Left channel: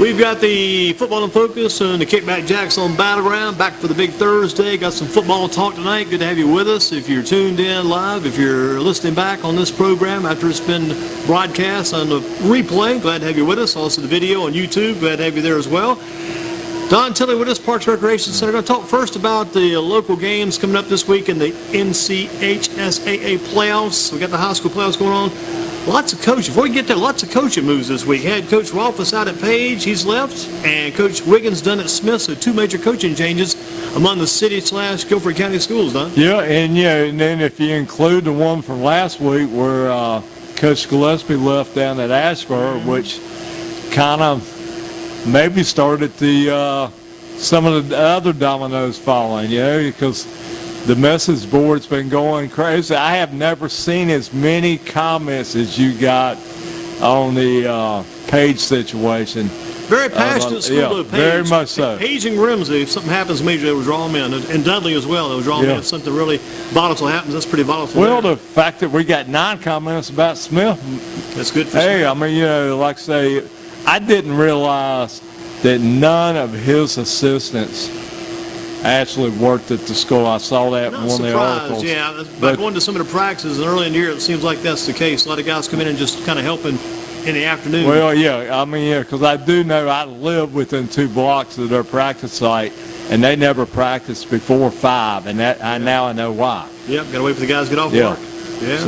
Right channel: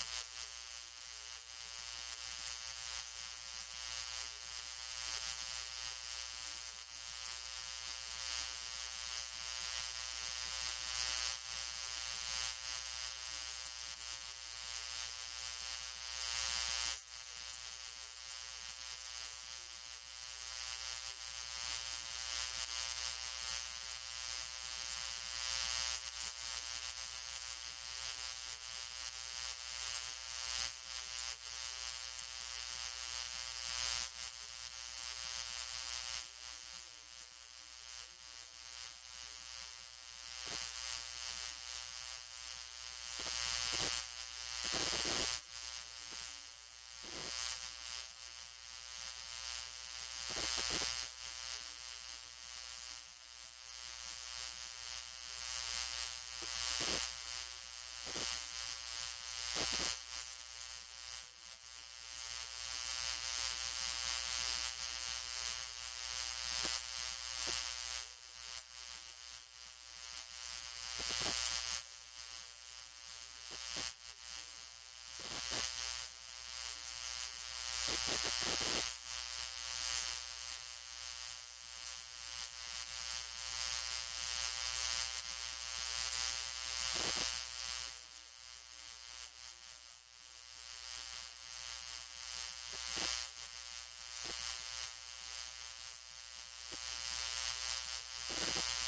We've got the Football in Focus and the Kickback Jacks on Battleground. Back for the big Thursday. Got some football talk tonight. Good to have you with us. If you're tuned in live, if you're listening back on this program after it's been broadcast on the replay, glad to have you with us. Also the video on YouTube, glad to have you there as well. Don Tilley with us, Parks Recreation Center. Going to talk first about the local games coming up this week in the NCHSAA playoffs. We got the high school playoffs going on. Lots of coaching. Before we get there, lots of coaching moves this week. Had Coach Rolfus out at Page, he's left, and Coach Wiggins done at Smith. So two major coaching changes among the city/Guilford County schools, Don. Yeah, and then if you include the one from last week where Coach Gillespie left down at Ashburn, which kind of maybe started the some of the other dominoes falling, because the message board's been going crazy. I have never seen as many comments as you got on the Page situation. Very passionate school, though, Page. Very much so. Page and Grimsby, if something happens major, they will draw them in. And Dudley as well, they will draw them in. If something really volatile happens, that's pretty volatile. Well, the fact that we got 9 comments about Smith. That's good for Smith. Hey, I mean, like I say, I didn't realize that none of his assistants actually worked at the school. I saw that in one of the articles. Yeah, but going to some of the practices early in the year, it seems like that's the case. A lot of guys come in and just kind of helping in the afternoon. Well, yeah, I mean, because I do know I live within 2 blocks of their practice site, and they never practiced before 5, and that now I know why. Yep, got to wait for the guys to get off work. Yeah.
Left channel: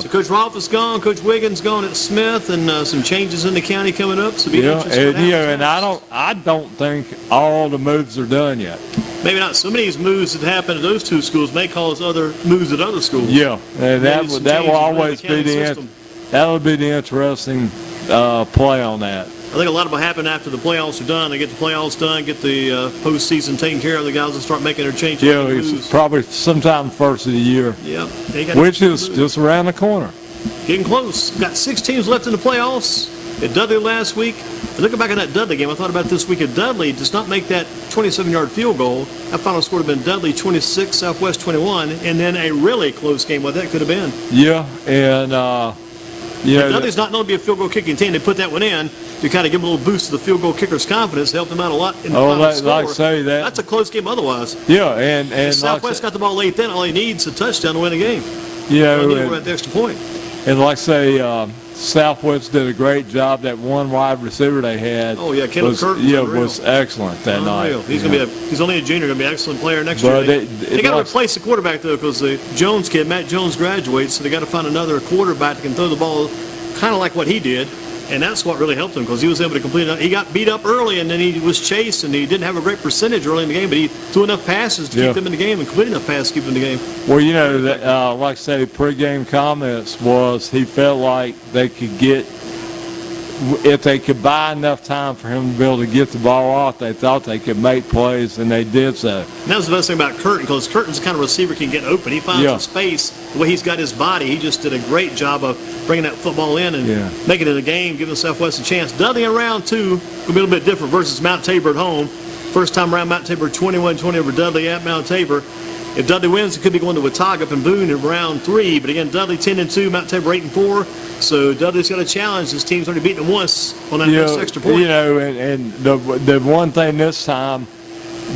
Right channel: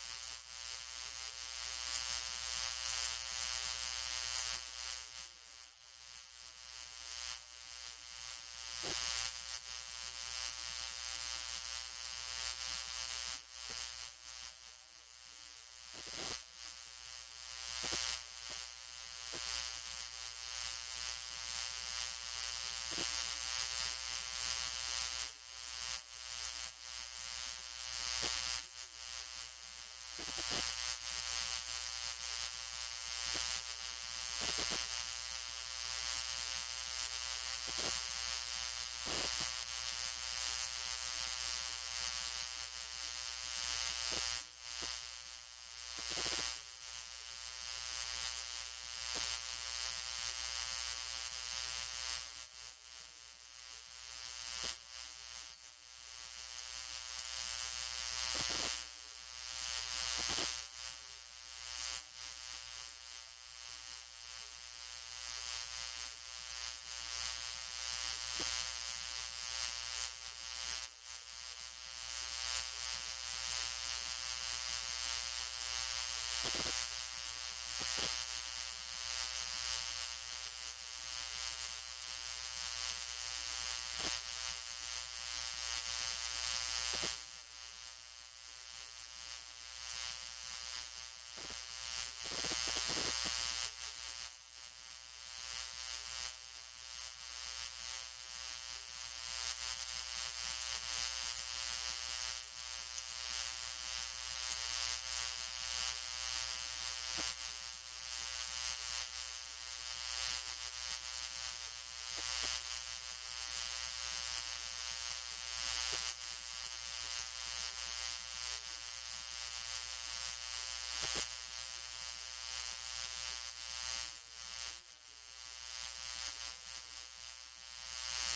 So Coach Rolfus gone, Coach Wiggins gone at Smith, and some changes in the county coming up. So and I don't think all the moves are done yet. Maybe not. Some of these moves that happen at those 2 schools may cause other moves at other schools. Yeah, and that will always be that'll be the interesting play on that. I think a lot of it will happen after the playoffs are done. They get the playoffs done, get the postseason taken care of. The guys will start making their changes. Yeah, it's probably sometime first of the year. Yeah, which is just around the corner. Getting close. Got 6 teams left in the playoffs. At Dudley last week, and looking back at that Dudley game, I thought about this week. If Dudley does not make that 27-yard field goal, that final score would have been Dudley 26, Southwest 21, and then a really close game. What that could have been. Yeah, and Dudley's not known to be a field goal kicking team. They put that one in to kind of give a little boost to the field goal kicker's confidence, help them out a lot in the final score. Like say that. That's a close game otherwise. Yeah, and Southwest got the ball late then. All he needs is a touchdown to win the game. Yeah, at the extra point. And like say, Southwest did a great job. That one wide receiver they had. Oh yeah, Caleb Curtin. Yeah, was excellent that night. He's gonna be he's only a junior, gonna be an excellent player next year. They got to replace the quarterback though, because the Jones kid, Matt Jones, graduates, so they got to find another quarterback that can throw the ball, kind of like what he did. And that's what really helped him, because he was able to complete it. He got beat up early, and then he was chased, and he didn't have a great percentage early in the game, but he threw enough passes to keep them in the game and completed enough passes to keep them in the game. Well, like I say, pregame comments was he felt like they could get, if they could buy enough time for him to be able to get the ball off, they thought they could make plays, and they did so. And that was the best thing about Curtin, because Curtin's the kind of receiver can get open. He finds the space. The way he's got his body, he just did a great job of bringing that football in and making it a game, giving Southwest a chance. Dudley in round 2 will be a little bit different versus Mount Tabor at home. First time around, Mount Tabor 21-20 over Dudley at Mount Tabor. If Dudley wins, it could be going to Watauga up in Boone in round 3. But again, Dudley 10-2, Mount Tabor 8-4. So Dudley's got a challenge. His team's already beaten him once on that extra point. And the one thing this time,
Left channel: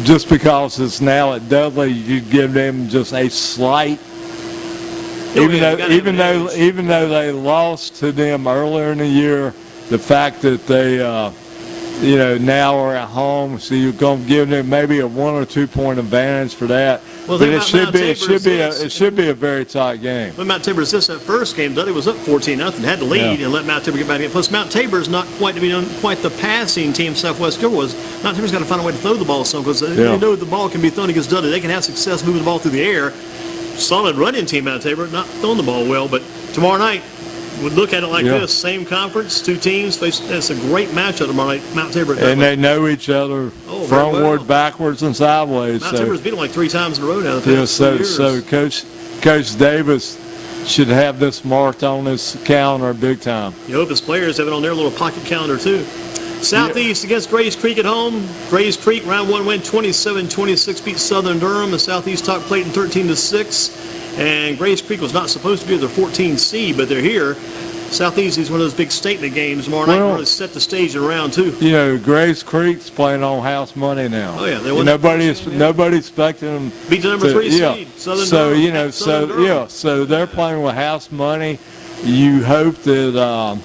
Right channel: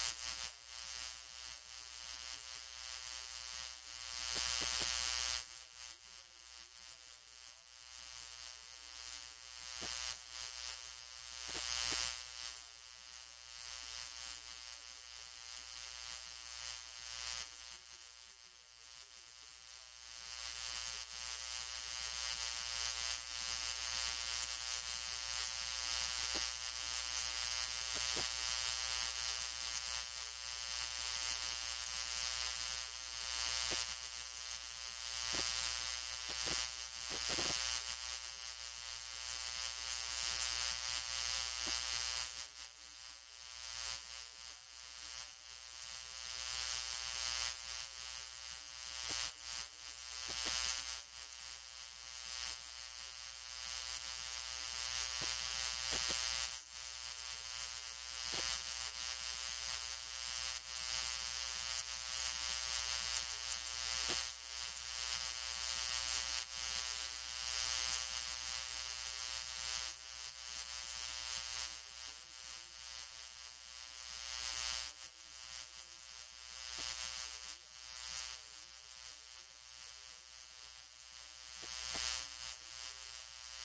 just because it's now at Dudley, you give them just a slight. Even though they lost to them earlier in the year, the fact that they now are at home, so you're going to give them maybe a 1 or 2 point advantage for that. Well, but it should be a very tight game. When Mount Tabor assists that first game, Dudley was up 14-0, had to lead and let Mount Tabor get back in. Plus, Mount Tabor is not quite the passing team Southwest was. Mount Tabor's got to find a way to throw the ball some, because they know the ball can be thrown against Dudley. They can have success moving the ball through the air. Solid running team, Mount Tabor, not throwing the ball well, but tomorrow night, we'd look at it like this. Same conference, 2 teams. That's a great matchup tomorrow night, Mount Tabor. And they know each other frontward, backwards, and sideways. Mount Tabor's beat them like 3 times in a row now. So Coach Davis should have this marked on his calendar big time. You hope his players have it on their little pocket calendar too. Southeast against Grays Creek at home. Grays Creek, round 1 win, 27-26, beat Southern Durham. The Southeast top plate in 13-6. And Grays Creek was not supposed to be their 14 seed, but they're here. Southeast is one of those big statement games tomorrow night. Really set the stage in round 2. You know, Grace Creek's playing on house money now. Oh yeah, they won. Nobody expected them. Beat the number 3 seed. Southern Durham, you know, so they're playing with house money. You hope that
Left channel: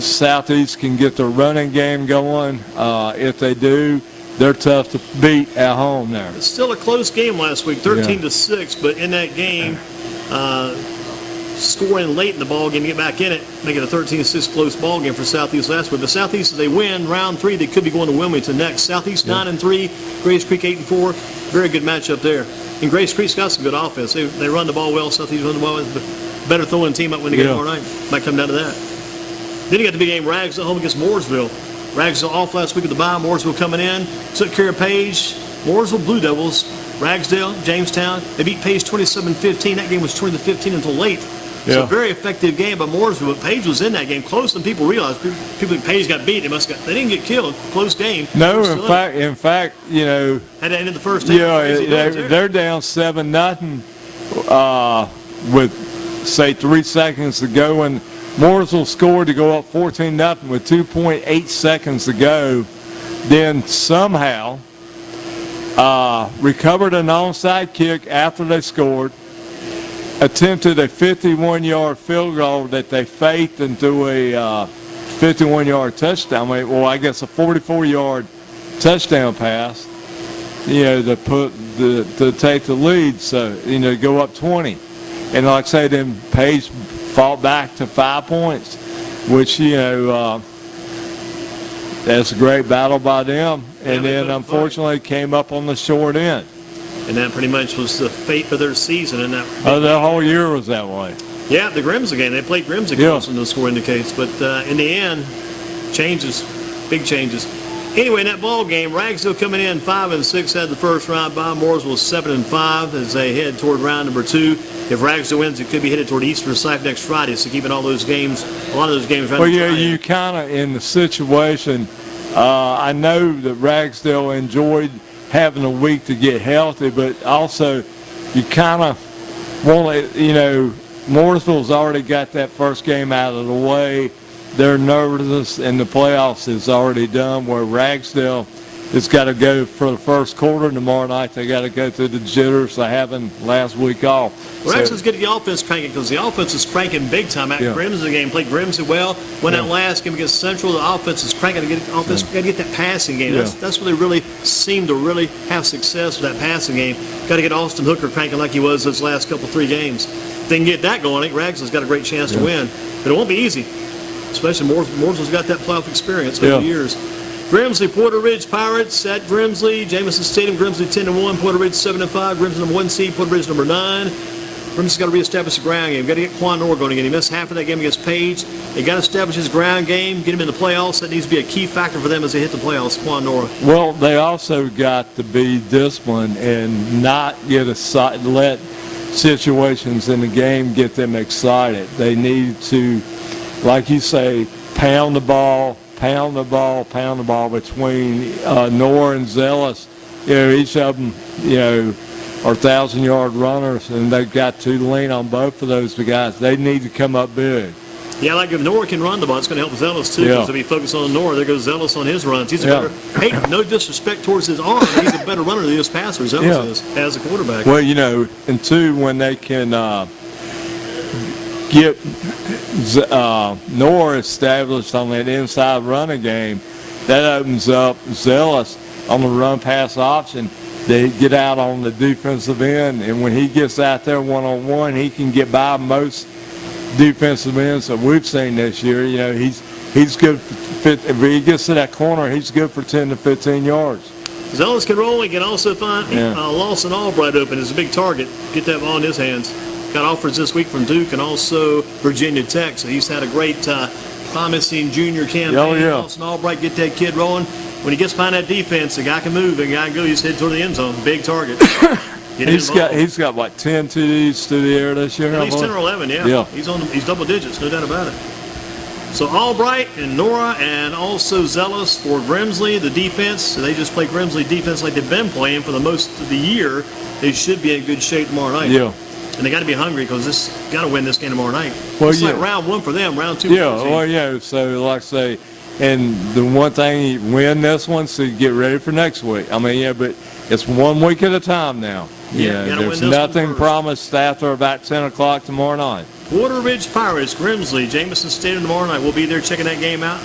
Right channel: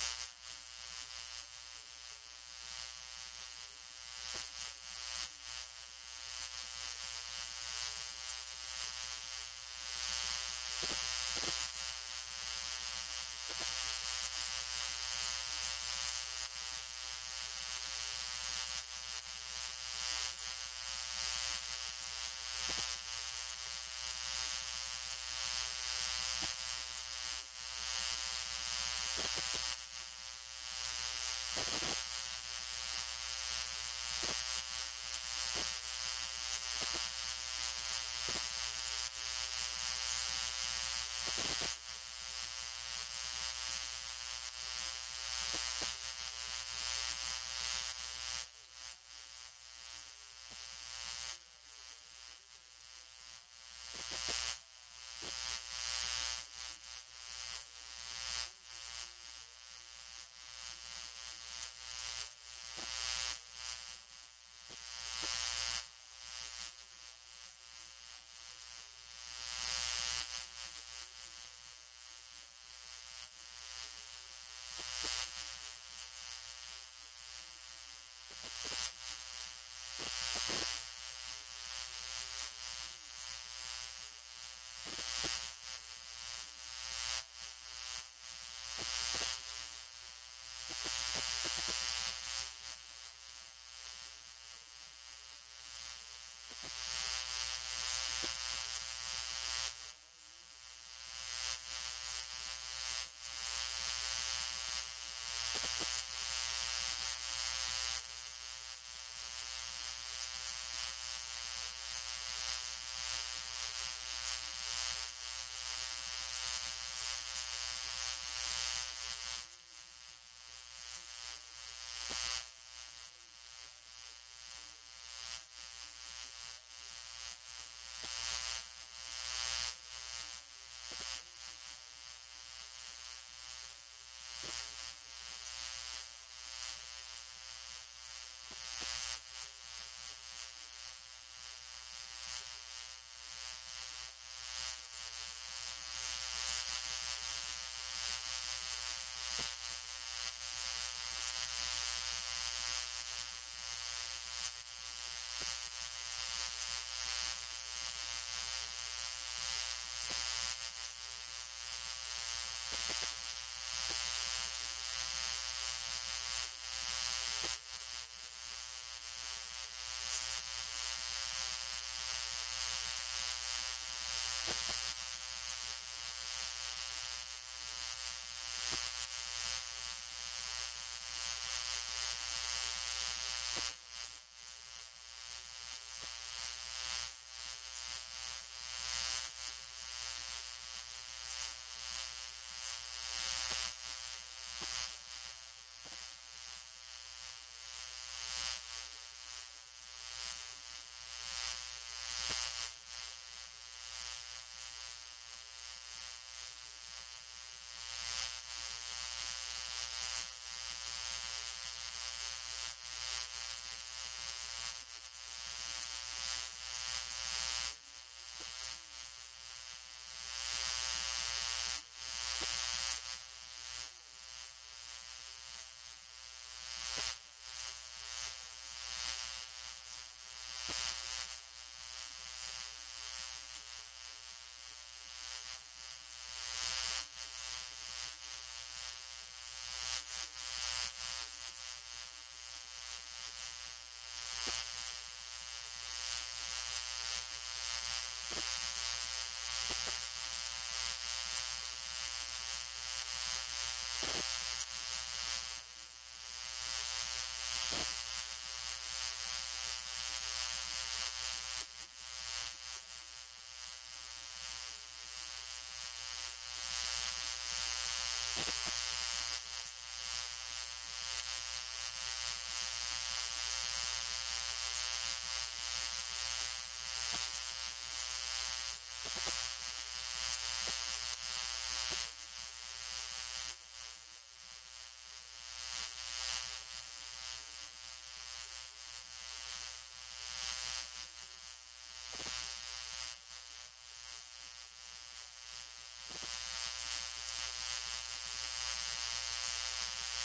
Southeast can get their running game going. If they do, they're tough to beat at home there. It's still a close game last week, 13-6, but in that game, scoring late in the ball game to get back in it, make it a 13-6 close ball game for Southeast last week. But Southeast, if they win round 3, they could be going to Wilmington next. Southeast 9-3, Grace Creek 8-4. Very good matchup there. And Grace Creek's got some good offense. They run the ball well. Southeast run the ball well. Better throwing team up when they get tomorrow night. Might come down to that. Then you got the big game, Ragsdale home against Mooresville. Ragsdale off last week with the bye. Mooresville coming in. Took care of Page. Mooresville Blue Devils. Ragsdale, Jamestown. They beat Page 27-15. That game was 20-15 until late. It's a very effective game by Mooresville, but Page was in that game closer than people realized. People think Page got beat. They didn't get killed. Close game. No, in fact, you know. Had to end in the first half. They're down 7-0 with, say, 3 seconds to go, and Mooresville scored to go up 14-0 with 2.8 seconds to go. Then somehow recovered an onside kick after they scored. Attempted a 51-yard field goal that they faked into a 51-yard touchdown. Well, I guess a 44-yard touchdown pass, you know, to take the lead, so, you know, go up 20. And like I say, then Page fought back to 5 points, which, you know, that's a great battle by them. And then, unfortunately, came up on the short end. And that pretty much was the fate of their season. And that the whole year was that way. Yeah, the Grimsley game. They played Grimsley close in the score indicates. But in the end, changes, big changes. Anyway, in that ball game, Ragsdale coming in 5-6, had the first round by. Mooresville 7-5 as they head toward round number 2. If Ragsdale wins, it could be headed toward Eastern Site next Friday. So keeping all those games, a lot of those games. Well, yeah, you kind of in the situation. I know that Ragsdale enjoyed having a week to get healthy, but also you kind of want to, you know, Mooresville's already got that first game out of the way. Their nervousness in the playoffs is already done, where Ragsdale has got to go for the first quarter. Tomorrow night they got to go through the jitters of having last week off. Well, Ragsdale's getting the offense cranking because the offense is cranking big time. At Grimsley game, played Grimsley well. Went that last game against Central, the offense is cranking to get offense. Got to get that passing game. That's where they really seem to really have success with that passing game. Got to get Austin Hooker cranking like he was those last couple 3 games. If they can get that going, I think Ragsdale's got a great chance to win. But it won't be easy. Especially Mooresville's got that playoff experience over the years. Grimsley, Porter Ridge Pirates at Grimsley. Jamison Stadium, Grimsley 10-1, Porter Ridge 7-5. Grimsley number 1 seed, Porter Ridge number 9. Grimsley's got to reestablish the ground game. Got to get Quan Nor going again. He missed half of that game against Page. They got to establish his ground game, get him in the playoffs. That needs to be a key factor for them as they hit the playoffs. Quan Nor. Well, they also got to be disciplined and not let situations in the game get them excited. They need to, like you say, pound the ball between Nor and Zealous. You know, each of them, you know, are 1,000-yard runners, and they've got to lean on both of those guys. They need to come up big. Yeah, like if Nor can run the ball, it's going to help Zealous too. Because if he focuses on Nor, there goes Zealous on his runs. He's a better. Hey, no disrespect towards his arm, but he's a better runner than his passer. Zealous is as a quarterback. Well, you know, and two, when they can get Nor established on that inside running game, that opens up Zealous on the run-pass option. They get out on the defensive end, and when he gets out there one-on-one, he can get by most defensive ends that we've seen this year. You know, he's good. If he gets to that corner, he's good for 10 to 15 yards. Zealous can roll. He can also find Lawson Albright open as a big target. Get that ball in his hands. Got offers this week from Duke and also Virginia Tech. So he's had a great promising junior campaign. Lawson Albright, get that kid rolling. When he gets behind that defense, the guy can move, the guy can go. He's headed toward the end zone. Big target. He's got what, 10 TDs through the air this year? At least 10 or 11, yeah. He's double digits, no doubt about it. So Albright and Nora and also Zealous for Grimsley, the defense. So they just play Grimsley defense like they've been playing for the most of the year. They should be in good shape tomorrow night. Yeah. And they got to be hungry because this got to win this game tomorrow night. Well, it's yeah. like round 1 for them, round 2 Yeah, for the team. well, yeah. So, like I say, and the one thing, you win this one, so you get ready for next week. I mean, yeah, but it's 1 week at a time now. Yeah, gotta win there's this one nothing first. promised after about 10 o'clock tomorrow night. Water Ridge Pirates, Grimsley, Jameson Stadium tomorrow night. We'll be there checking that game out.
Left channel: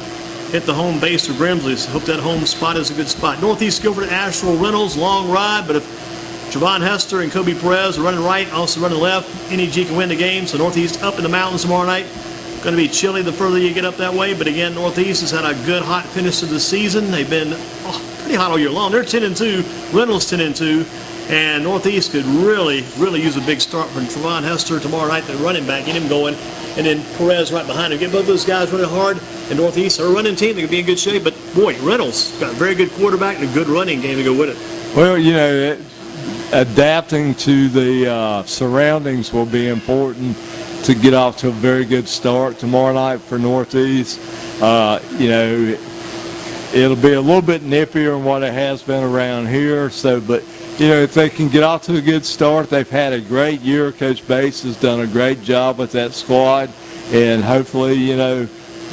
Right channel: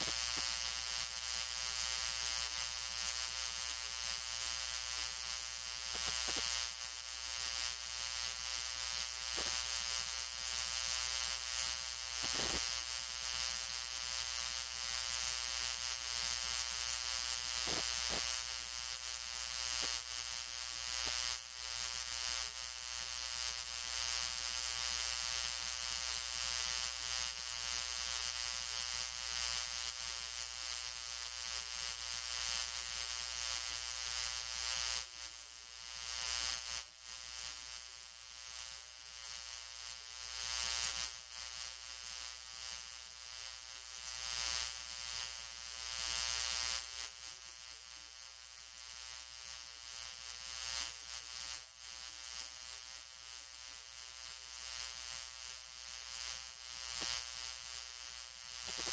Hit the home base for Grimsley. So hope that home spot is a good spot. Northeast Guilford at Asheville Reynolds, long ride, but if Javon Hester and Kobe Perez are running right, also running left, NEG can win the game. So Northeast up in the mountains tomorrow night. Going to be chilly the further you get up that way, but again, Northeast has had a good hot finish to the season. They've been pretty hot all year long. They're 10-2, Reynolds 10-2, and Northeast could really use a big start from Javon Hester tomorrow night, the running back, get him going, and then Perez right behind him. Get both those guys running hard, and Northeast are a running team. They could be in good shape, but boy, Reynolds got a very good quarterback and a good running game to go with it. Well, adapting to the surroundings will be important to get off to a very good start tomorrow night for Northeast. It'll be a little bit nippier than what it has been around here. So, but if they can get off to a good start, they've had a great year. Coach Bates has done a great job with that squad, and hopefully,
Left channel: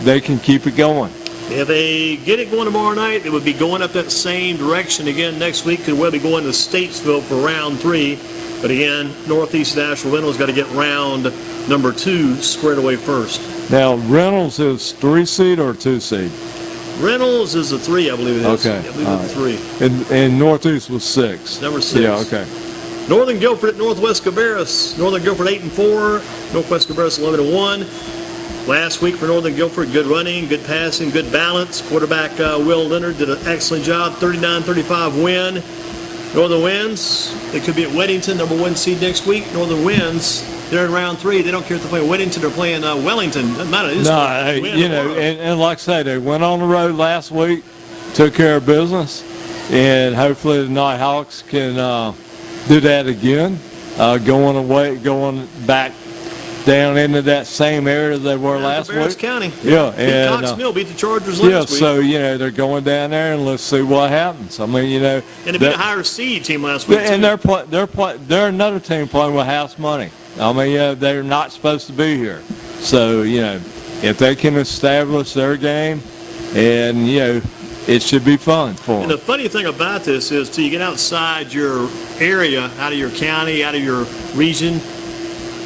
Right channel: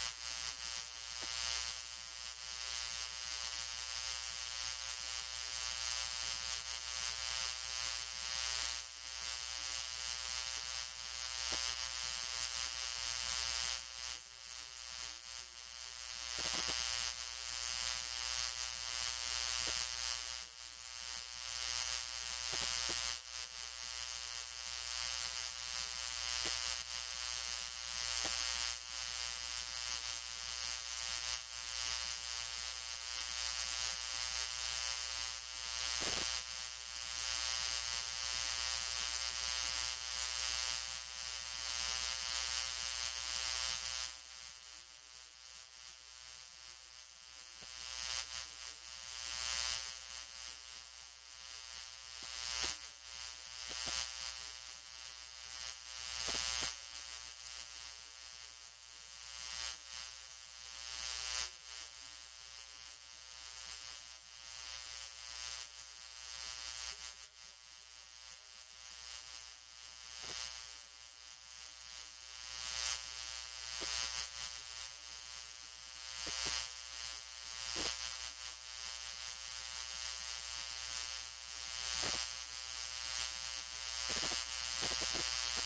they can keep it going. If they get it going tomorrow night, it would be going up that same direction again next week. Could well be going to Statesville for round 3. But again, Northeast at Asheville Reynolds got to get round number 2 squared away first. Now, Reynolds is 3 seed or 2 seed? Reynolds is a 3, I believe it is. Okay. I believe it's a 3. And Northeast was 6. Number 6. Yeah, okay. Northern Guilford at Northwest Cabarrus. Northern Guilford 8-4. Northwest Cabarrus 11-1. Last week for Northern Guilford, good running, good passing, good balance. Quarterback Will Leonard did an excellent job. 39-35 win. Northern wins. They could be at Weddington, number 1 seed next week. Northern wins. They're in round 3. They don't care if they're playing Weddington or playing Wellington. Doesn't matter. And like I say, they went on the road last week, took care of business, and hopefully the Nighthawks can do that again, going back down into that same area they were last Cabarrus week. County. Yeah, and Cox Mill beat the Chargers last week. So they're going down there and let's see what happens. I mean, and they beat a higher seed team last week. And they're another team playing with house money. I mean, they're not supposed to be here. So if they can establish their game, and it should be fun for them. And the funny thing about this is, till you get outside your area, out of your county, out of your region,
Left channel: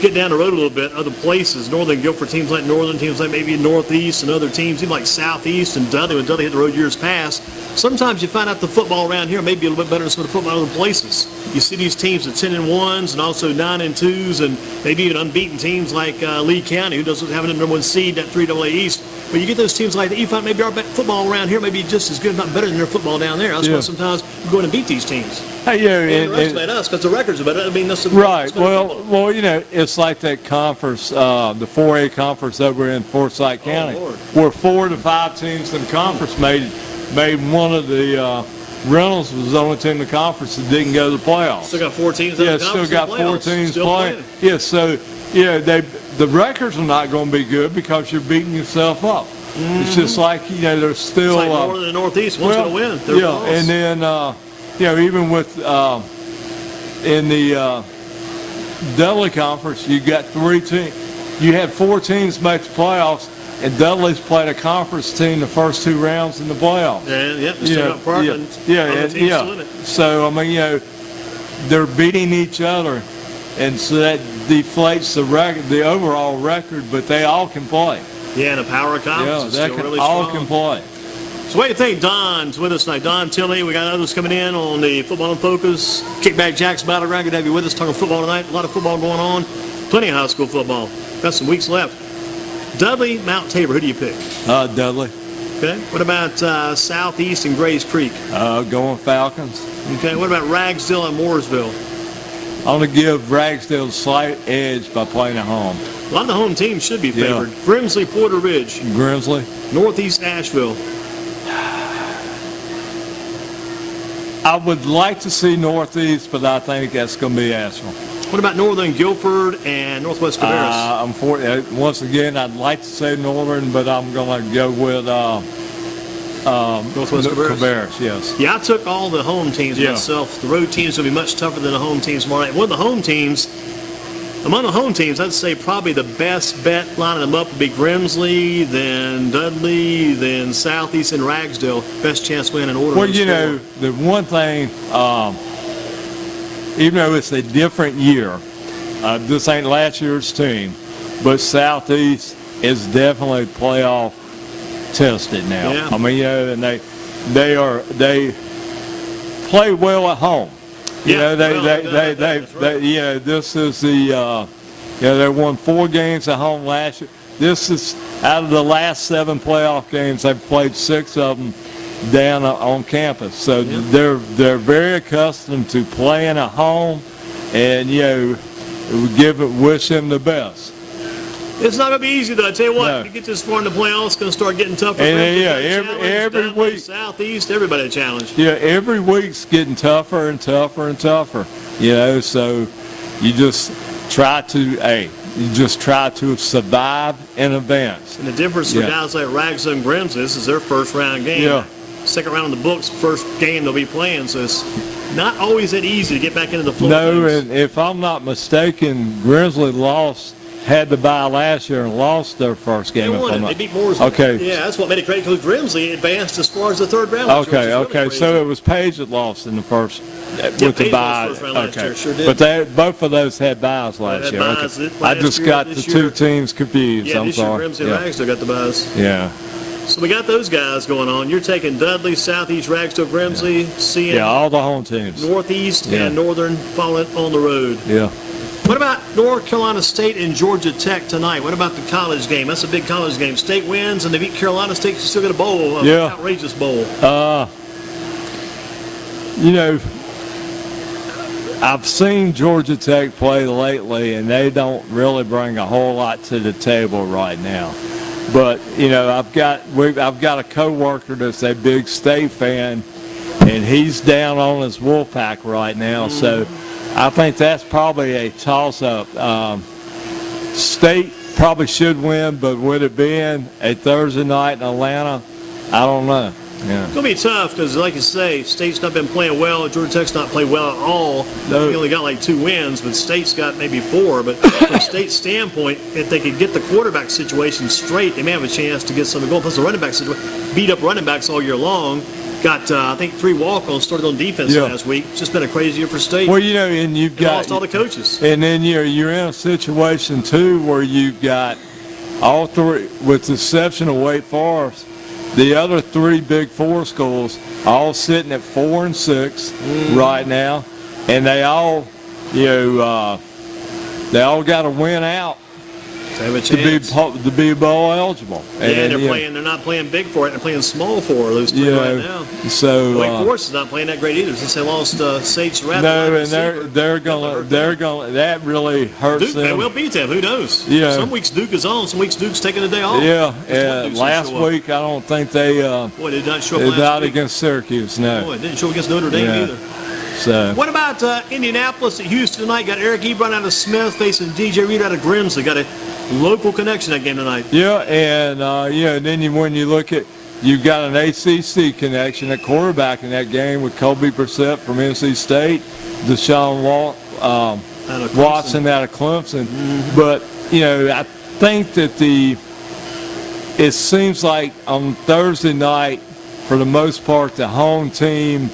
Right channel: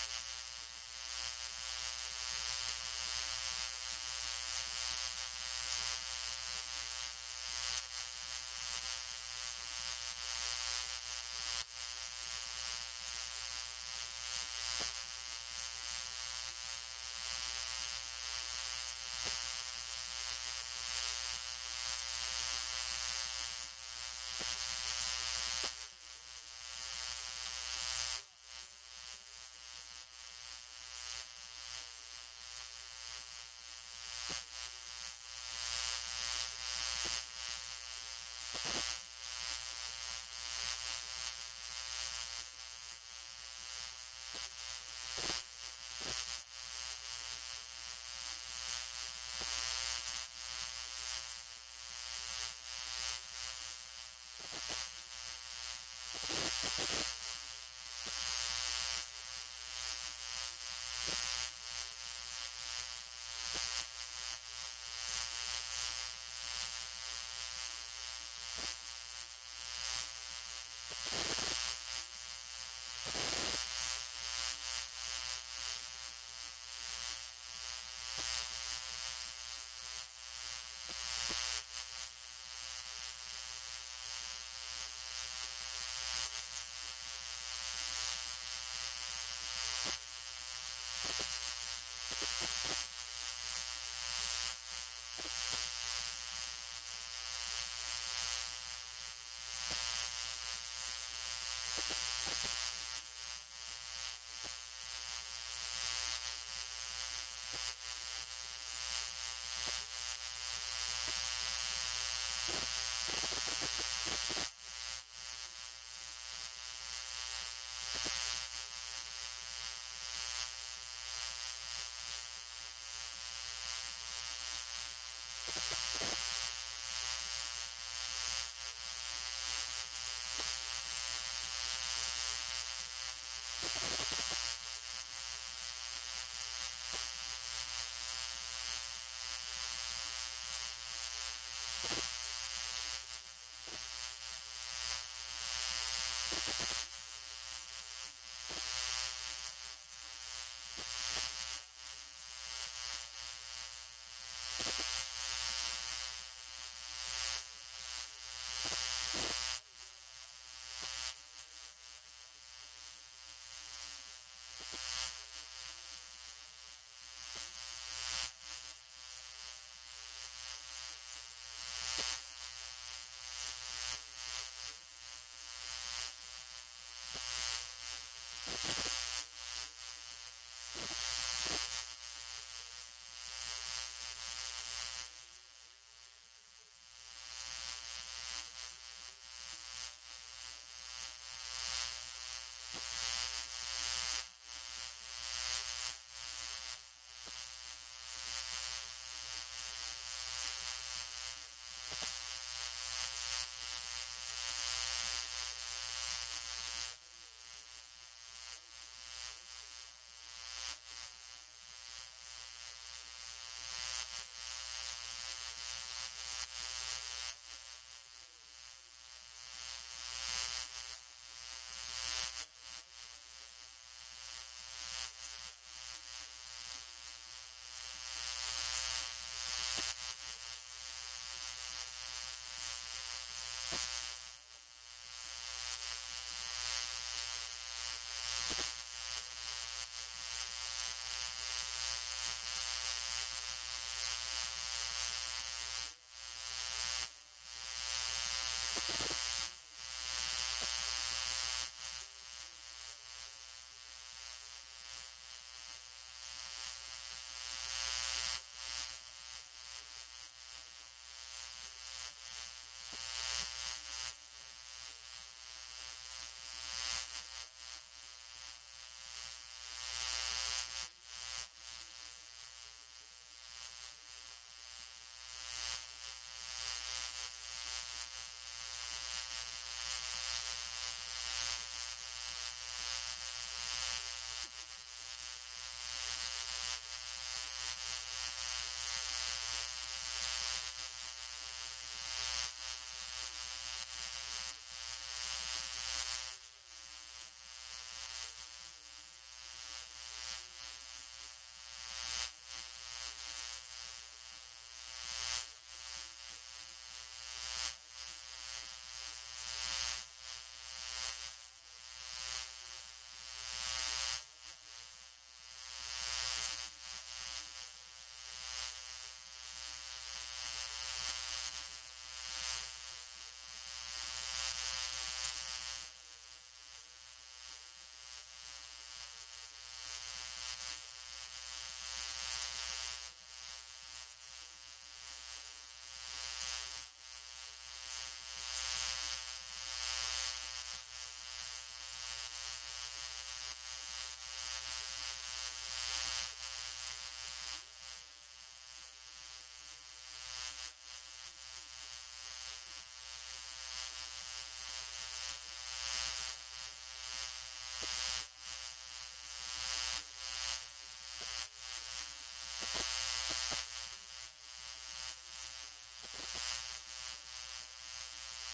get down the road a little bit, other places, Northern Guilford teams like Northern, teams like maybe Northeast, and other teams, even like Southeast and Dudley, when Dudley hit the road years past, sometimes you find out the football around here may be a little bit better than some of the football in other places. You see these teams at 10-1s and also 9-2s, and maybe even unbeaten teams like Lee County, who doesn't have a number 1 seed at 3AA East. But you get those teams like that, you find maybe our football around here may be just as good, if not better than their football down there. That's why sometimes we go in and beat these teams. Hey, And underestimate us because the records are better. I mean, that's right. Well, it's like that conference, the 4A conference over in Forsyth County, where 4 to 5 teams in the conference made one of the Reynolds was the only team in the conference that didn't go to the playoffs. Still got 4 teams in the conference. Still got 4 teams still playing. Yeah, so the records are not going to be good because you're beating yourself up. Mm-hmm. It's just like there's still it's like Northern and Northeast. One's going to win. They're close. And then even with in the Dudley Conference, you got 3 teams. You had 4 teams make the playoffs, and Dudley's played a conference team the first 2 rounds in the playoffs. And still got Parkland. Still in it. So I mean, they're beating each other, and so that deflates the record, the overall record. But they all can play. Yeah, and the power of conference is still really all strong. can play. So what do you think? Don's with us tonight. Don Tilley, we got others coming in on the Football in Focus. Kickback Jacks Battleground. Good to have you with us talking football tonight. A lot of football going on. Plenty of high school football. Got some weeks left. Dudley, Mount Tabor. Who do you pick? Dudley. Okay. What about Southeast and Grays Creek? Going Falcons. Okay. What about Ragsdale and Mooresville? I'm going to give Ragsdale a slight edge by playing at home. A lot of the home teams should be favored. Grimsley, Porter Ridge. Grimsley. Northeast Asheville. I would like to see Northeast, but I think that's going to be Asheville. What about Northern Guilford and Northwest Cabarrus? Once again, I'd like to say Northern, but I'm going to go with Northwest Cabarrus, yes. Yeah, I took all the home teams myself. The road teams will be much tougher than the home teams tomorrow night. One of the home teams Among the home teams, I'd say probably the best bet lining them up would be Grimsley, then Dudley, then Southeast, and Ragsdale. Best chance win in order. Well, you know, the one thing, even though it's a different year, this ain't last year's team, but Southeast is definitely playoff tested now. Yeah. I mean, you know, and they play well at home. You know, you know, this is the, you know, they won 4 games at home last year. This is, out of the last 7 playoff games, they've played 6 of them down on campus. So they're very accustomed to playing at home, and, you know, wish them the best. It's not going to be easy, though. I tell you what, if you get this far in the playoffs, it's going to start getting tougher. And every week, Southeast, everybody a challenge. Yeah, every week's getting tougher and tougher and tougher. You know, so you just try to survive and advance. And the difference for guys like Ragsdale and Grimsley, this is their first round game. Yeah. Second round in the books, first game they'll be playing, so it's not always that easy to get back into the flow. No, and if I'm not mistaken, Grimsley had to bye last year and lost their first game. They won it. They beat Mooresville. Okay. Yeah, that's what made it great because Grimsley advanced as far as the third round. Okay. So it was Page that lost in the first with the bye. Okay. Sure did. But both of those had byes last year. I just got the 2 teams confused. Yeah, I'm sorry. Grimsley and Ragsdale got the byes. Yeah. So we got those guys going on. You're taking Dudley, Southeast, Ragsdale, Grimsley, seeing all the home teams. Northeast and Northern following on the road. Yeah. What about North Carolina State and Georgia Tech tonight? What about the college game? That's a big college game. State wins and they beat Carolina State. You still get a bowl, an outrageous bowl. You know, I've seen Georgia Tech play lately, and they don't really bring a whole lot to the table right now. But you know, I've got a coworker that's a big State fan, and he's down on his Wolfpack right now. So I think that's probably a toss-up. State probably should win, but with it being a Thursday night in Atlanta, I don't know. Yeah. It's going to be tough because, like you say, State's not been playing well. Georgia Tech's not played well at all. They only got like 2 wins, but State's got maybe 4. But from State's standpoint, if they could get the quarterback situation straight, they may have a chance to get some of the goal. Plus the running back situation, beat up running backs all year long. Got, I think, 3 walk-ons started on defense last week. It's just been a crazy year for State. Well, you know, and you've got lost all the coaches. And then you're in a situation too where you've got all 3, with the exception of Wake Forest, the other 3 Big 4 schools all sitting at 4 and 6 right now, and they all, you know, they all got to win out to be bowl eligible. And they're not playing big for it. They're playing small for those 3 right now. So Wake Forest is not playing that great either since they lost Sate's rep. No, and they're gonna that really hurts Duke, them. They will beat them. Who knows? Yeah. Some weeks Duke is on. Some weeks Duke's taking a day off. Yeah. Last week I don't think they. Boy, they did not show up last not week. against Syracuse. No. Boy, it didn't show up against Notre Dame either. So. What about Indianapolis at Houston tonight? Got Eric Ebron out of Smith facing DJ Reed out of Grimsley. Got a local connection that game tonight. Yeah, and and then when you look at, you've got an ACC connection at quarterback in that game with Kobe Brissett from NC State, Deshaun Watson out of Clemson. But you know, I think that it seems like on Thursday night, for the most part, the home team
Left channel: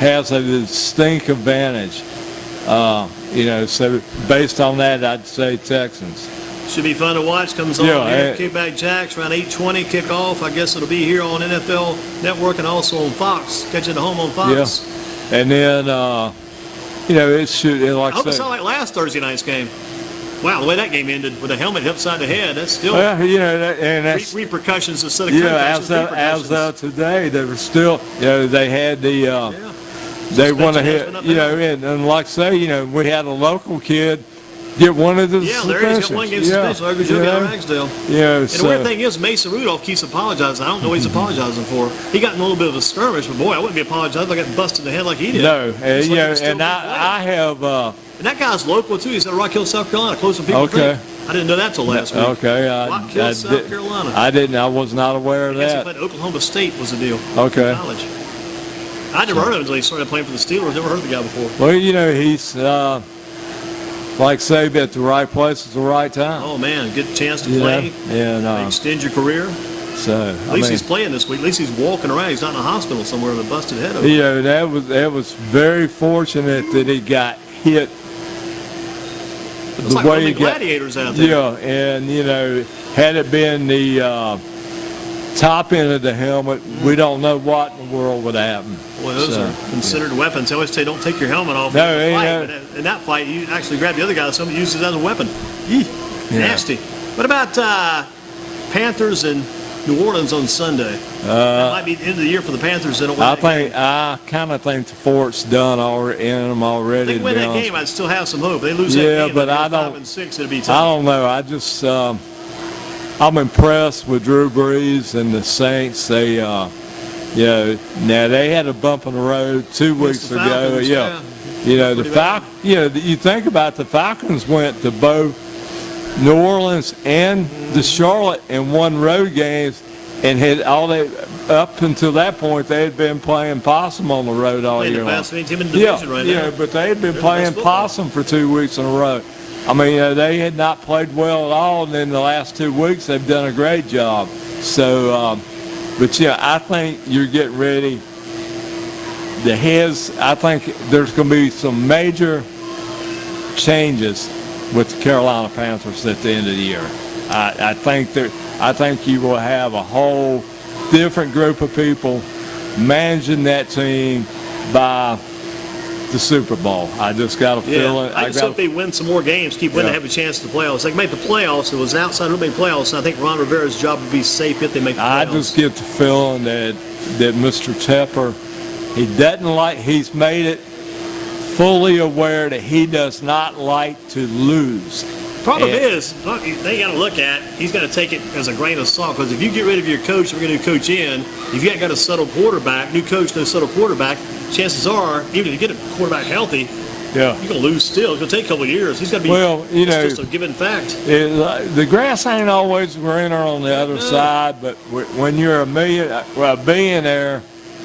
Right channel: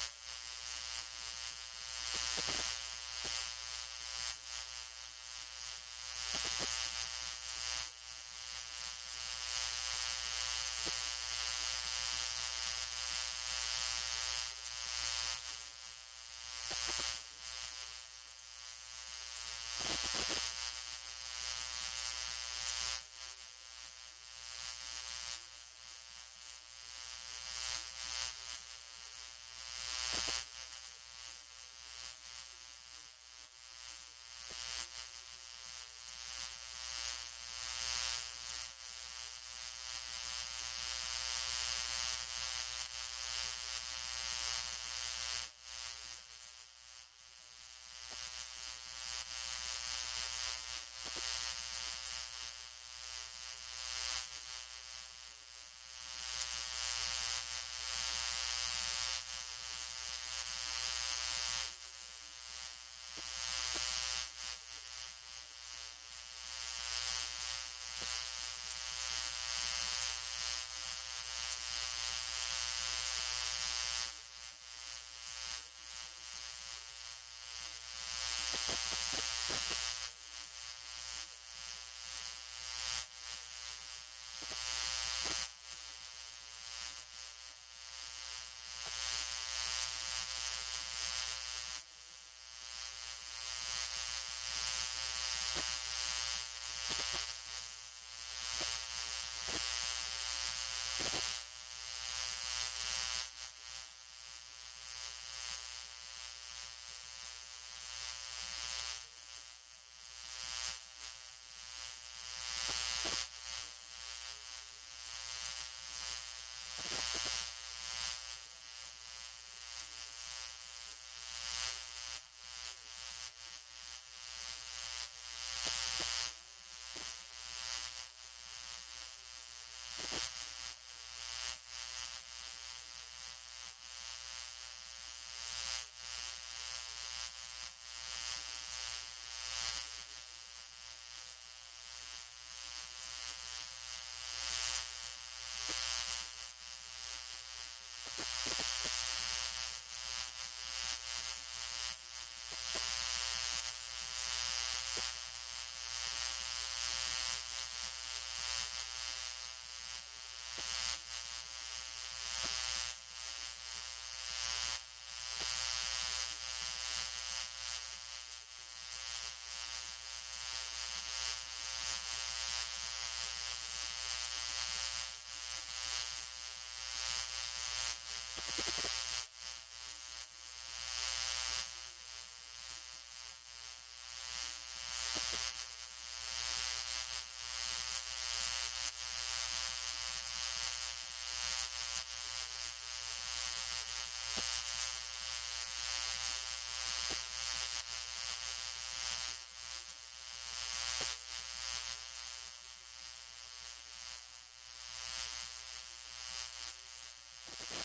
has a distinct advantage. You know, so based on that, I'd say Texans. Should be fun to watch. Comes on here, Kickback Jacks, around 8:20 kickoff. I guess it'll be here on NFL Network and also on Fox. Catch it at home on Fox. Yeah. And then, you know, it should, like I hope it's not like last Thursday night's game. Wow, the way that game ended with a helmet upside the head, that's still you know, and that's repercussions instead of concussions. As of today, they were still, you know, they had the, they went ahead, you know, and like I say, you know, we had a local kid get one of the Larry's got 1 game suspension. Larry Joe got Ragsdale. Yeah, and the weird thing is, Mason Rudolph keeps apologizing. I don't know what he's apologizing for. He got in a little bit of a skirmish, but boy, I wouldn't be apologizing if I got busted in the head like he did. No, and and I have. And that guy's local too. He's at Rock Hill, South Carolina, close to people. Okay. I didn't know that till last week. Okay, Rock Hill, South Carolina. I didn't. I was not aware of that. He played at Oklahoma State was the deal. Okay. College. I never heard of him until he started playing for the Steelers. Never heard of the guy before. Well, you know, he's like say, at the right place at the right time. Oh, man, get a chance to You play, know? And extend your career. so At least he's playing this week. At least he's walking around. He's not in a hospital somewhere with a busted head. you know, that was very fortunate that he got hit. It's like Roman gladiators out there. Yeah, and you know, had it been the top end of the helmet, we don't know what in the world would happen. Well, those are considered weapons. They always say don't take your helmet off No, in a fight. But in that fight, you actually grab the other guy. Somebody uses it as a weapon. Nasty. What about Panthers and New Orleans on Sunday? That might be the end of the year for the Panthers. They don't win that game. I kind of think the fort's done in them already. If they win that game, I'd still have some hope. If they lose that game, but I 5 and 6, it'd be tough. I don't know. I just I'm impressed with Drew Brees and the Saints. They you know, now they had a bump in the road 2 weeks ago. Falcons, you know, the Falcons. You know, you think about the Falcons went to both New Orleans and the Charlotte and won road games, and had all that up until that point they had been playing possum on the road all year long. The best team in the division right now. Yeah, but they had been playing possum for 2 weeks in a row. I mean, they had not played well at all, and in the last 2 weeks they've done a great job. So, but yeah, I think you're getting ready. I think there's going to be some major changes with the Carolina Panthers at the end of the year. I think you will have a whole different group of people managing that team by the Super Bowl. I just got a feeling. I just hope they win some more games, keep winning, have a chance to the playoffs. They can make the playoffs. It was outside who made playoffs, and I think Ron Rivera's job would be safe if they make the playoffs. I just get the feeling that Mr. Tepper, he's made it fully aware that he does not like to lose. Problem is, they got to look at, he's got to take it as a grain of salt, because if you get rid of your coach, we're going to coach in, if you ain't got a settle quarterback, new coach, no settle quarterback, chances are, even if you get a quarterback healthy, you're going to lose still. It's going to take a couple of years. He's got to be, it's just a given fact. The grass ain't always greener on the other side, but when you're a billionaire,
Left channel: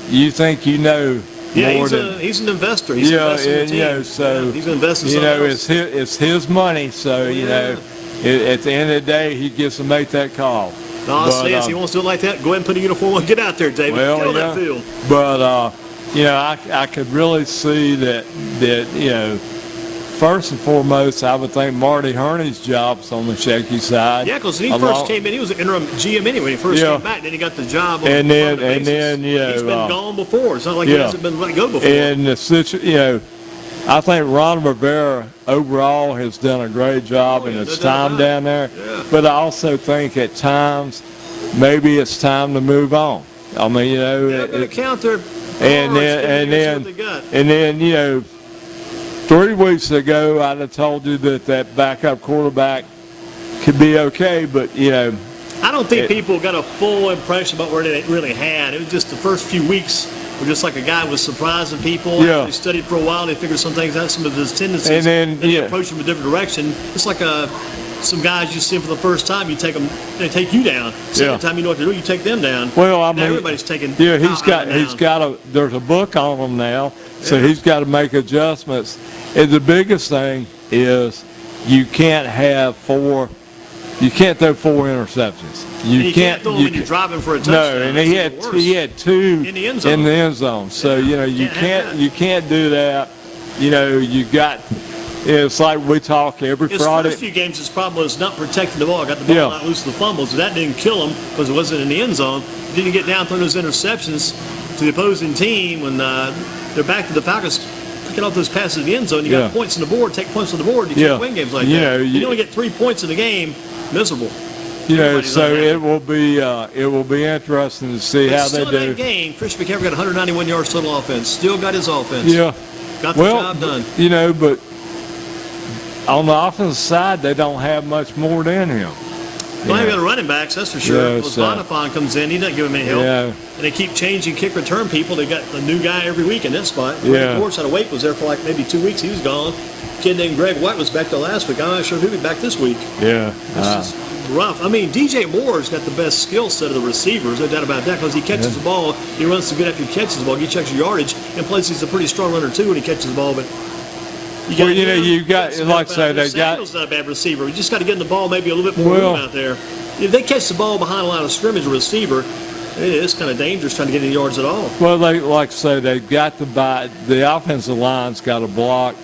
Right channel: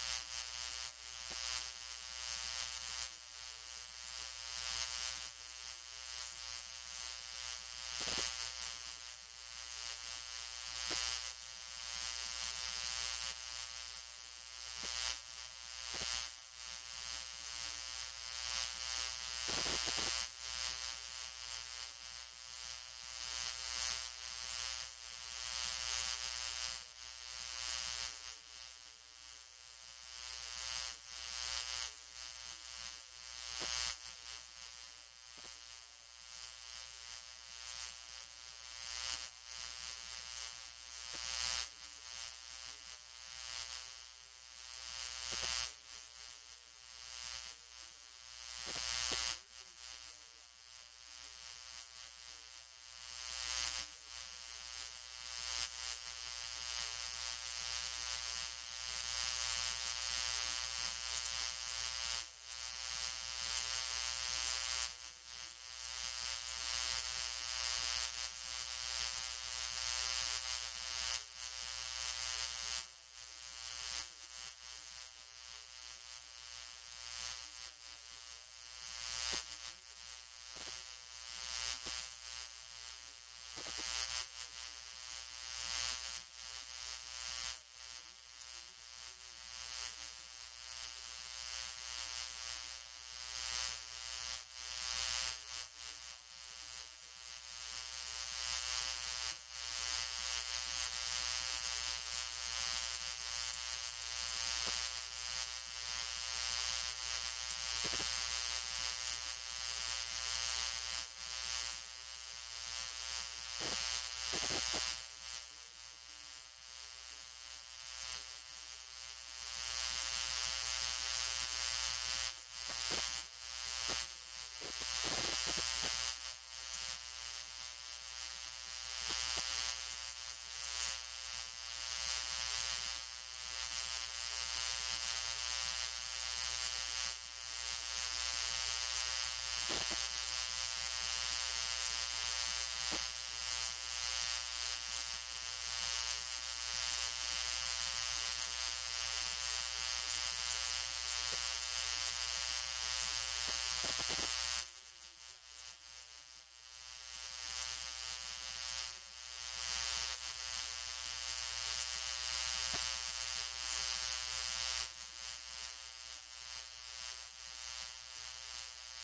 you think you know. Yeah, he's an investor. He's investing in the team. So he's investing in something else. It's his money. So you know, at the end of the day, he gets to make that call. No, I'll say if he wants to do it like that, go ahead and put a uniform on. Get out there, David. Kill that field. But you know, I could really see that you know. First and foremost, I would think Marty Herney's job's on the shaky side. Yeah, because when he first came in, he was an interim GM anyway. When he first came back, then he got the job on and then he's been gone before. It's not like he hasn't been let go before. And you know, I think Ron Rivera overall has done a great job in his time down there. Yeah. But I also think at times maybe it's time to move on. I mean, you know, they're going to count their and then you know. 3 weeks ago, I'd have told you that backup quarterback could be okay, but, you know. I don't think people got a full impression about where they really had. It was just the first few weeks were just like a guy was surprising people. They studied for a while, they figured some things out, some of his tendencies, and then they approached him a different direction. It's like some guys you see for the first time, you take them, they take you down. Second time you know what to do, you take them down. Well, I mean, everybody's taking. Yeah, there's a book on him now, so he's got to make adjustments. And the biggest thing is you can't throw 4 interceptions. You can't throw them when you're driving for a touchdown. No, and he had 2 in the end zone. So you know you can't do that. You know you got. It's like we talk every Friday. His first few games, his problem was not protecting the ball. Got the ball not loose to the fumbles. So that didn't kill him because it wasn't in the end zone. Didn't get down throwing those interceptions to the opposing team when they're back to the Falcons. Picking off those passes in the end zone, you got points on the board. Take points on the board. You can't win games like that. You only get 3 points in the game. Miserable. You know, so it will be interesting to see how they do. Still in that game, Christian McCaffrey got 191 yards total offense. Still got his offense. Yeah. Got the job done. You know, but on the offensive side, they don't have much more than him. Well, they got running backs, that's for sure. Bonifon comes in, he doesn't give him any help. Yeah. And they keep changing kick return people. They got a new guy every week in that spot. Yeah. Of course, out of Wake was there for like maybe 2 weeks. He was gone. Kid named Greg White was back there last week. I'm not sure if he'll be back this week. Yeah. This is rough. I mean, DJ Moore's got the best skill set of the receivers, no doubt about that, because he catches the ball. He runs so good after he catches the ball. He checks your yardage, and plus he's a pretty strong runner too when he catches the ball. But Well, you know, you got, like I say, they got. Samuel's not a bad receiver. You just got to get in the ball maybe a little bit more room out there. If they catch the ball behind a line of scrimmage, a receiver, it's kind of dangerous trying to get any yards at all. Well, they, like I say, they've got to buy. The offensive line's got to block,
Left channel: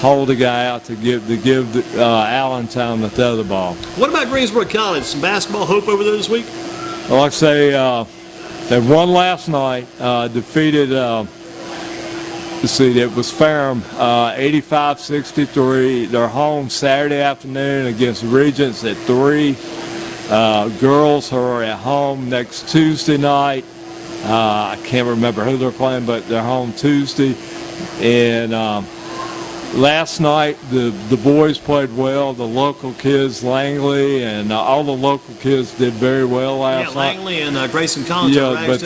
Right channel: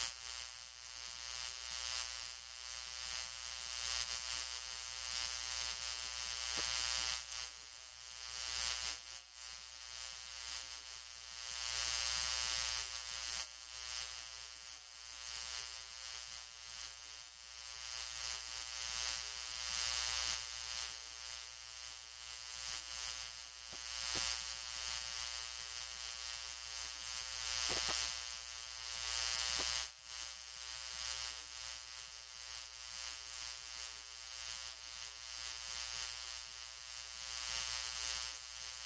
hold the guy out to give Allen time to throw the ball. What about Greensboro College? Some basketball hope over there this week? Well, like I say, they won last night, defeated. Let's see, it was Ferrum, 85-63. They're home Saturday afternoon against Regents at 3. Girls are at home next Tuesday night. I can't remember who they're playing, but they're home Tuesday. And last night, the boys played well. The local kids, Langley, and all the local kids did very well last night. Yeah, Langley and Grayson College. Yeah,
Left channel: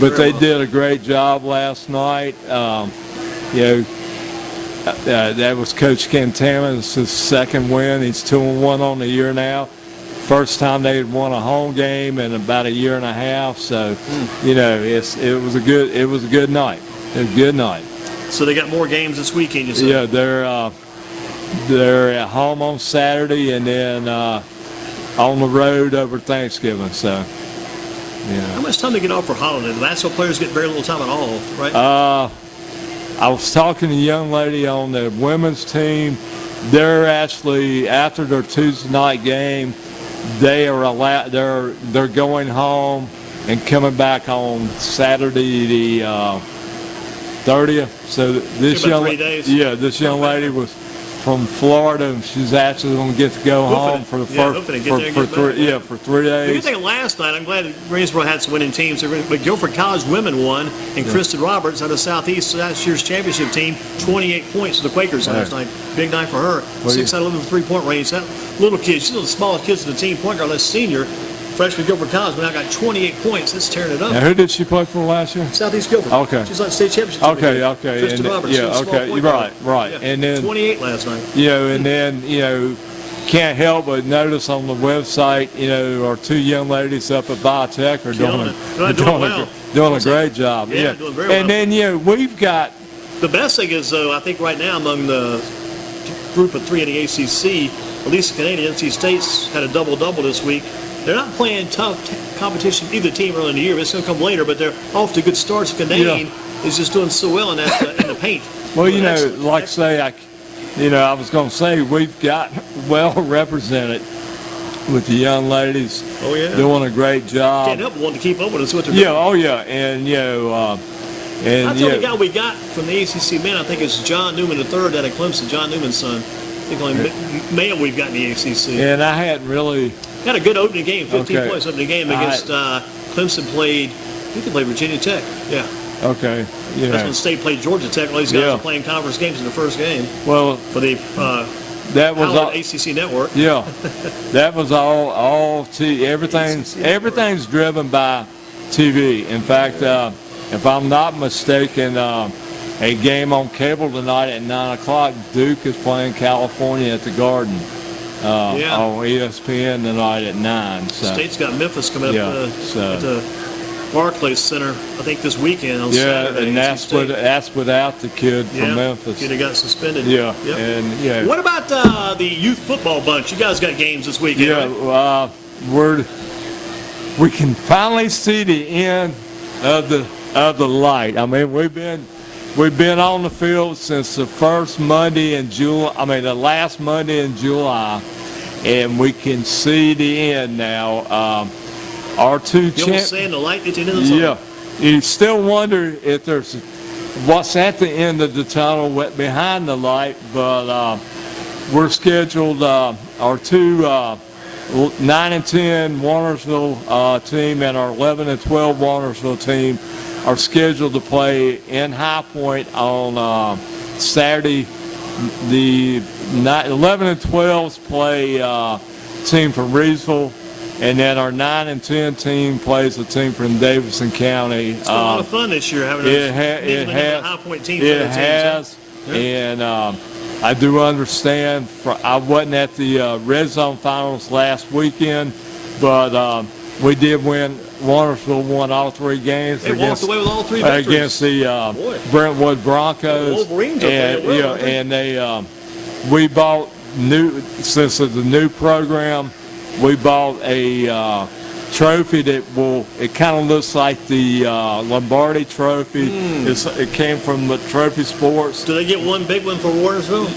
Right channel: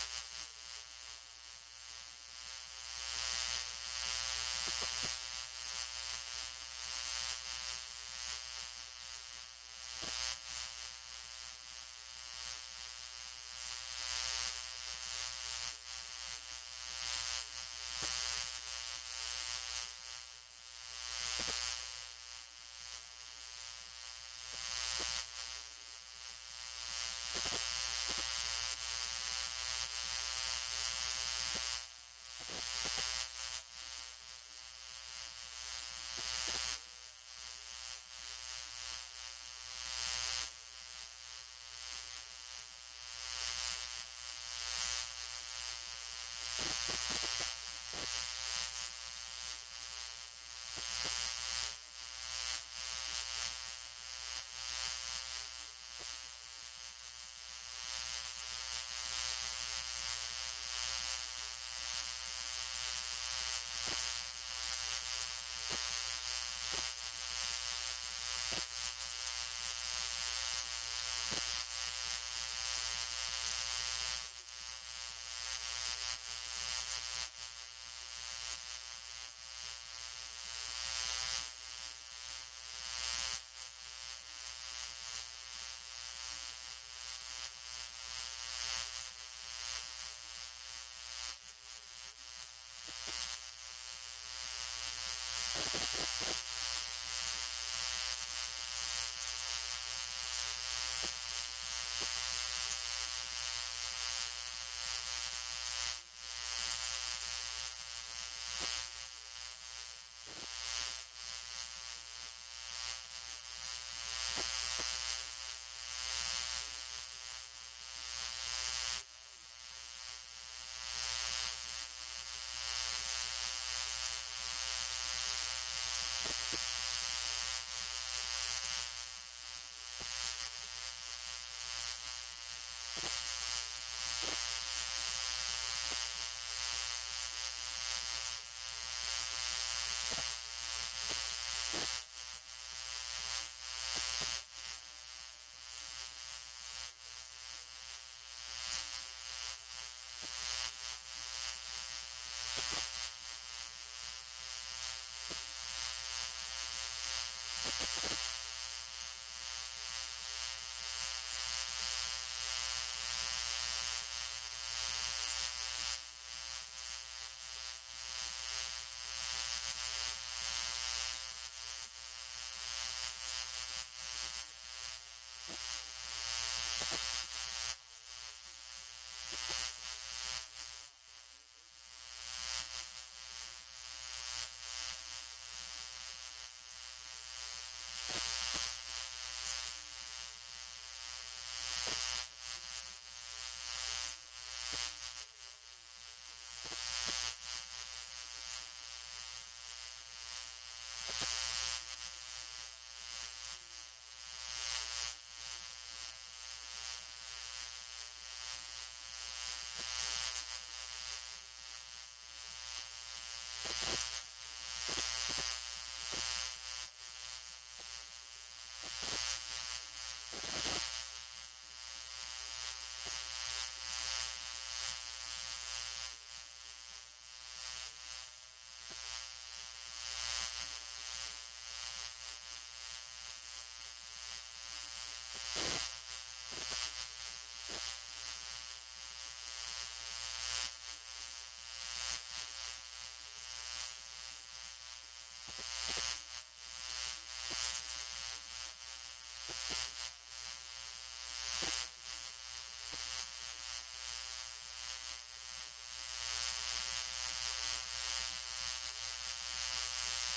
but they did a great job last night. That was Coach Cantana's second win. He's 2-1 on the year now. First time they had won a home game in about a year and a half. So, you know, it was a good night. It was a good night. So they got more games this weekend, you said? Yeah, they're at home on Saturday and then on the road over Thanksgiving. So, yeah. How much time do they get off for holiday? The basketball players get very little time at all, right? I was talking to a young lady on the women's team. They're actually, after their Tuesday night game, they're going home and coming back on Saturday the 30th. So this young lady was from Florida, and she's actually going to get to go home for the for 3 days. The good thing last night, I'm glad that Greensboro had some winning teams. But Guilford College women won, and Kristen Roberts out of Southeast last year's championship team, 28 points for the Quakers last night. Big night for her. 6 out of 11 3-point range. That little kid, she's one of the smallest kids in the team. Point guard, that's senior. Freshman Guilford College, but now got 28 points. That's tearing it up. Now, who did she play for last year? Southeast Guilford. Okay. She's like state championship. Okay. Kristen Roberts. Yeah, okay. Right. Yeah. And then 28 last night. You know, and then, you know, can't help but notice on the website, you know, our 2 young ladies up at Biotech are doing a great job. Yeah, doing very well. And then, you know, we've got. The best thing is, though, I think right now among the group of 3 in the ACC, at least the Canadian NC State's had a double-double this week. They're not playing tough competition, either team early in the year, but it's going to come later, but they're off to good starts. Canadian is just doing so well in the paint. Well, you know, like say, I was going to say we've got well represented with the young ladies doing a great job. Can't help but want to keep up with us what they're doing. And, you know, I'll tell you the guy we got from the ACC men, I think it's John Newman III out of Clemson, John Newman's son. I think only male we've got in the ACC. And I hadn't really. Got a good opening game, 15 points opening game against Clemson played, I think they played Virginia Tech. Yeah. Okay. Yeah. That's when State played Georgia Tech. All these guys are playing conference games in the first game. Well, for the that was all, ACC network. Yeah. That was all everything's driven by TV. In fact, if I'm not mistaken, a game on cable tonight at 9 o'clock, Duke is playing California at the Garden. On ESPN tonight at 9. So. State's got Memphis coming up at the Barclays Center, I think this weekend on Saturday. And that's without the kid from Memphis. Kid that got suspended. Yeah. Yep. And What about the youth football bunch? You guys got games this weekend, right? We can finally see the end of the light. I mean, we've been on the field since the first Monday in July. I mean, the last Monday in July, and we can see the end now. Our 2 champions. Saying the light at the end of the tunnel. Yeah, you still wonder if there's what's at the end of the tunnel, behind the light. But we're scheduled. Our 2 9-10 Warnersville team and our 11-12 Warnersville team are scheduled to play in High Point on Saturday. The 11 and 12s play team from Reedsville, and then our 9 and 10 team plays a team from Davidson County. It's been a lot of fun this year having a High Point team. It has, and I do understand. I wasn't at the Red Zone Finals last weekend, but we did win. Wandersville won all 3 games. They walked away with all 3 victories. Against the Brentwood Broncos. The Wolverines and we bought since it's a new program, we bought a trophy that it kind of looks like the Lombardi trophy. It came from the Trophy Sports. Do they get one big one for Warnersville?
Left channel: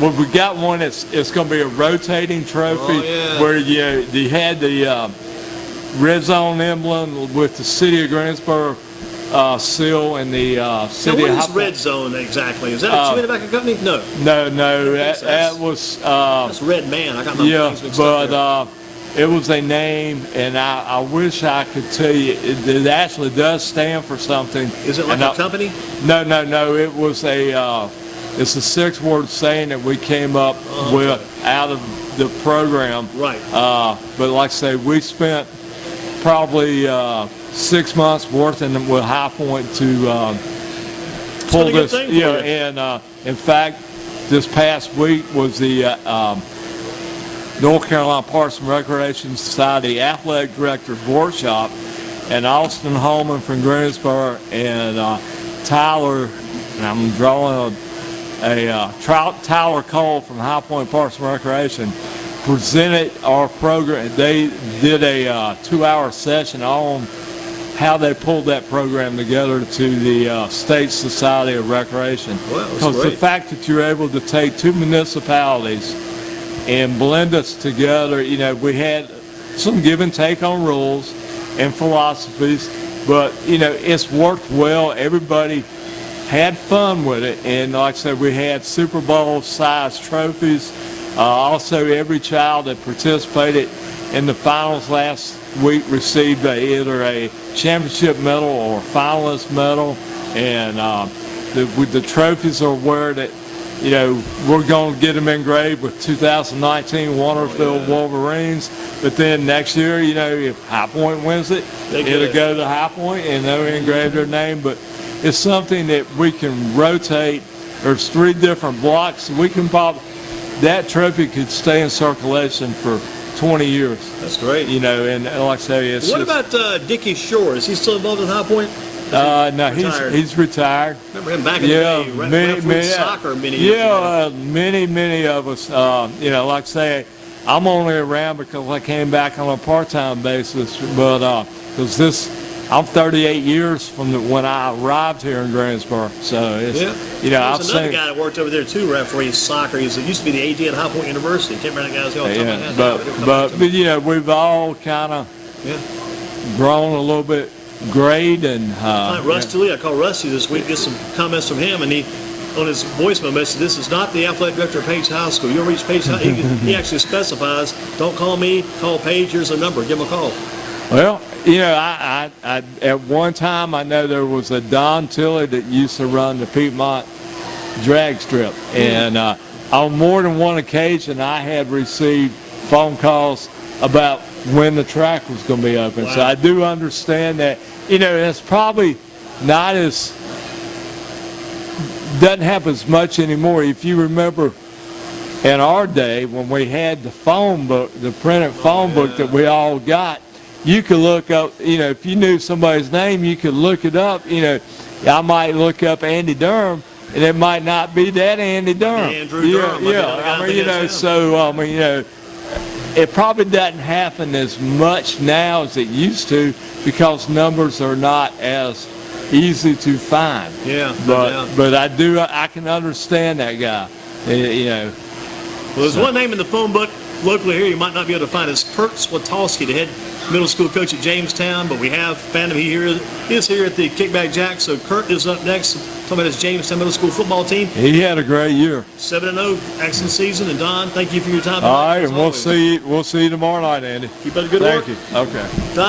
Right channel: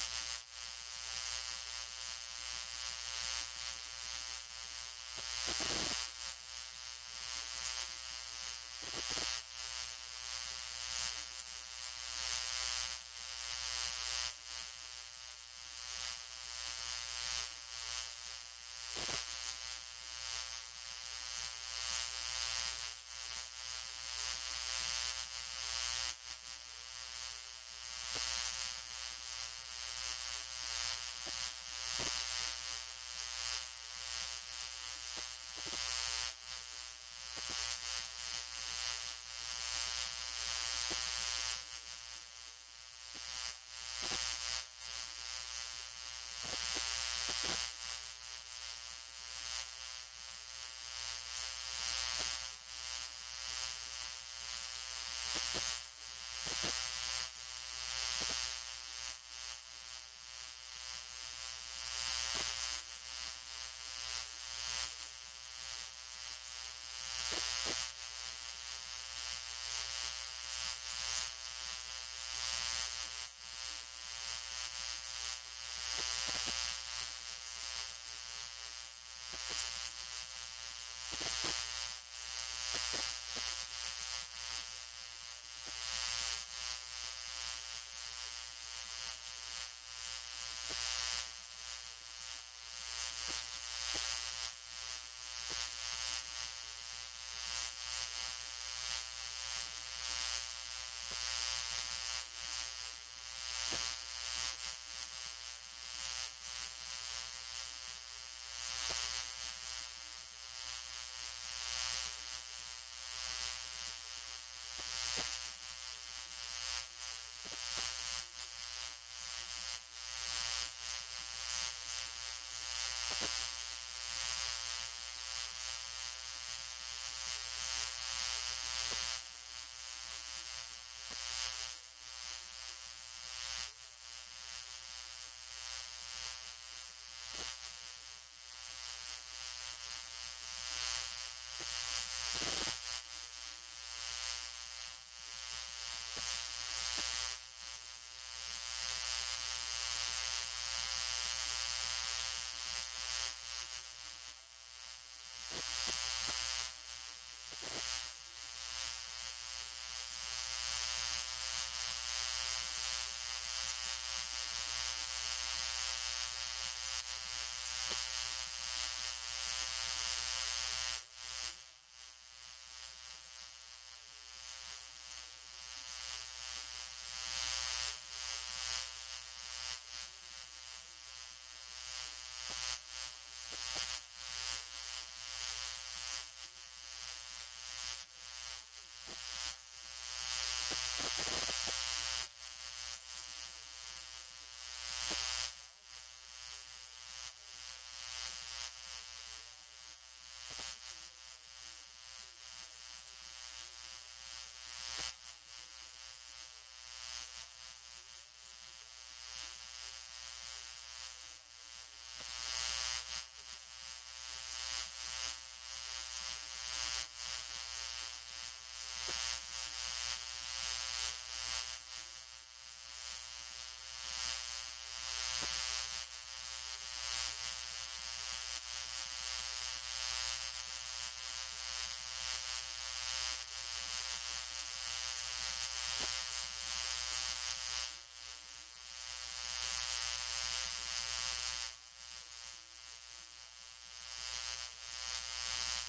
Well, we got one. It's going to be a rotating trophy where you had the red zone emblem with the city of Greensboro seal and the city now, of what is red zone exactly? Is that a chewing tobacco company? No. No. That was that's Red Man. I got my things mixed up there. It was a name, and I wish I could tell you. It actually does stand for something. Is it like a company? No. It was it's a 6-word saying that we came up with out of the program. Right. But like I say, we spent probably 6 months working with High Point to pull this. And in fact, this past week was the North Carolina Parks and Recreation Society Athletic Directors Workshop, and Austin Holman from Greensboro and Tyler, and I'm drawing Tyler Cole from High Point Parks and Recreation presented our program. They did a 2-hour session on how they pulled that program together to the State Society of Recreation. Because the fact that you're able to take 2 municipalities and blend us together, we had some give and take on rules and philosophies, but, it's worked well. Everybody had fun with it, and like I said, we had Super Bowl-sized trophies. Also, every child that participated in the finals last week received either a championship medal or a finalist medal, and the trophies are where that, we're going to get them engraved with 2019 Wandersville Wolverines, but then next year, if High Point wins it, it'll go to High Point and they'll engrave their name. But it's something that we can rotate. There's 3 different blocks. We can that trophy could stay in circulation for 20 years. That's great. And like I say, it's what about Dickie Shore? Is he still involved in High Point? No, he's retired. Remember him back in the day, many soccer, many years ago. Many of us, like I say, I'm only around because I came back on a part-time basis, but because I'm 38 years from when I arrived here in Greensboro, so it's, There's another guy that worked over there too, refereeing soccer. It used to be the AD at High Point University. Can't remember that guy's name. But we've all kind of grown a little bit. Great and Russ Tilley, I called Rusty this week, get some comments from him, and he on his voicemail message, this is not the athletic director of Page High School. You'll reach Page High. He actually specifies, don't call me, call Page. Here's a number. Give him a call. Well, I at one time I know there was a Don Tilley that used to run the Piedmont drag strip, and on more than one occasion I had received phone calls about when the track was going to be open. Wow. So I do understand that, it's probably not doesn't happen as much anymore. If you remember in our day when we had the phone book, the printed phone book that we all got, you could look up, if you knew somebody's name, you could look it up. I might look up Andy Durham, and it might not be that Andy Durham. Andrew Durham. It probably doesn't happen as much now as it used to because numbers are not as easy to find. Yeah. But I can understand that guy. Well, there's one name in the phone book locally here you might not be able to find. It's Kurt Swatowski, the head middle school coach at Jamestown, but we have found him. He is here at the Kickback Jack. So Kurt is up next, talking about his Jamestown middle school football team. He had a great year. 7-0, excellent season. And Don, thank you for your time. All right, and we'll see you tomorrow night, Andy. Keep up the good work. Thank you. Okay. Don,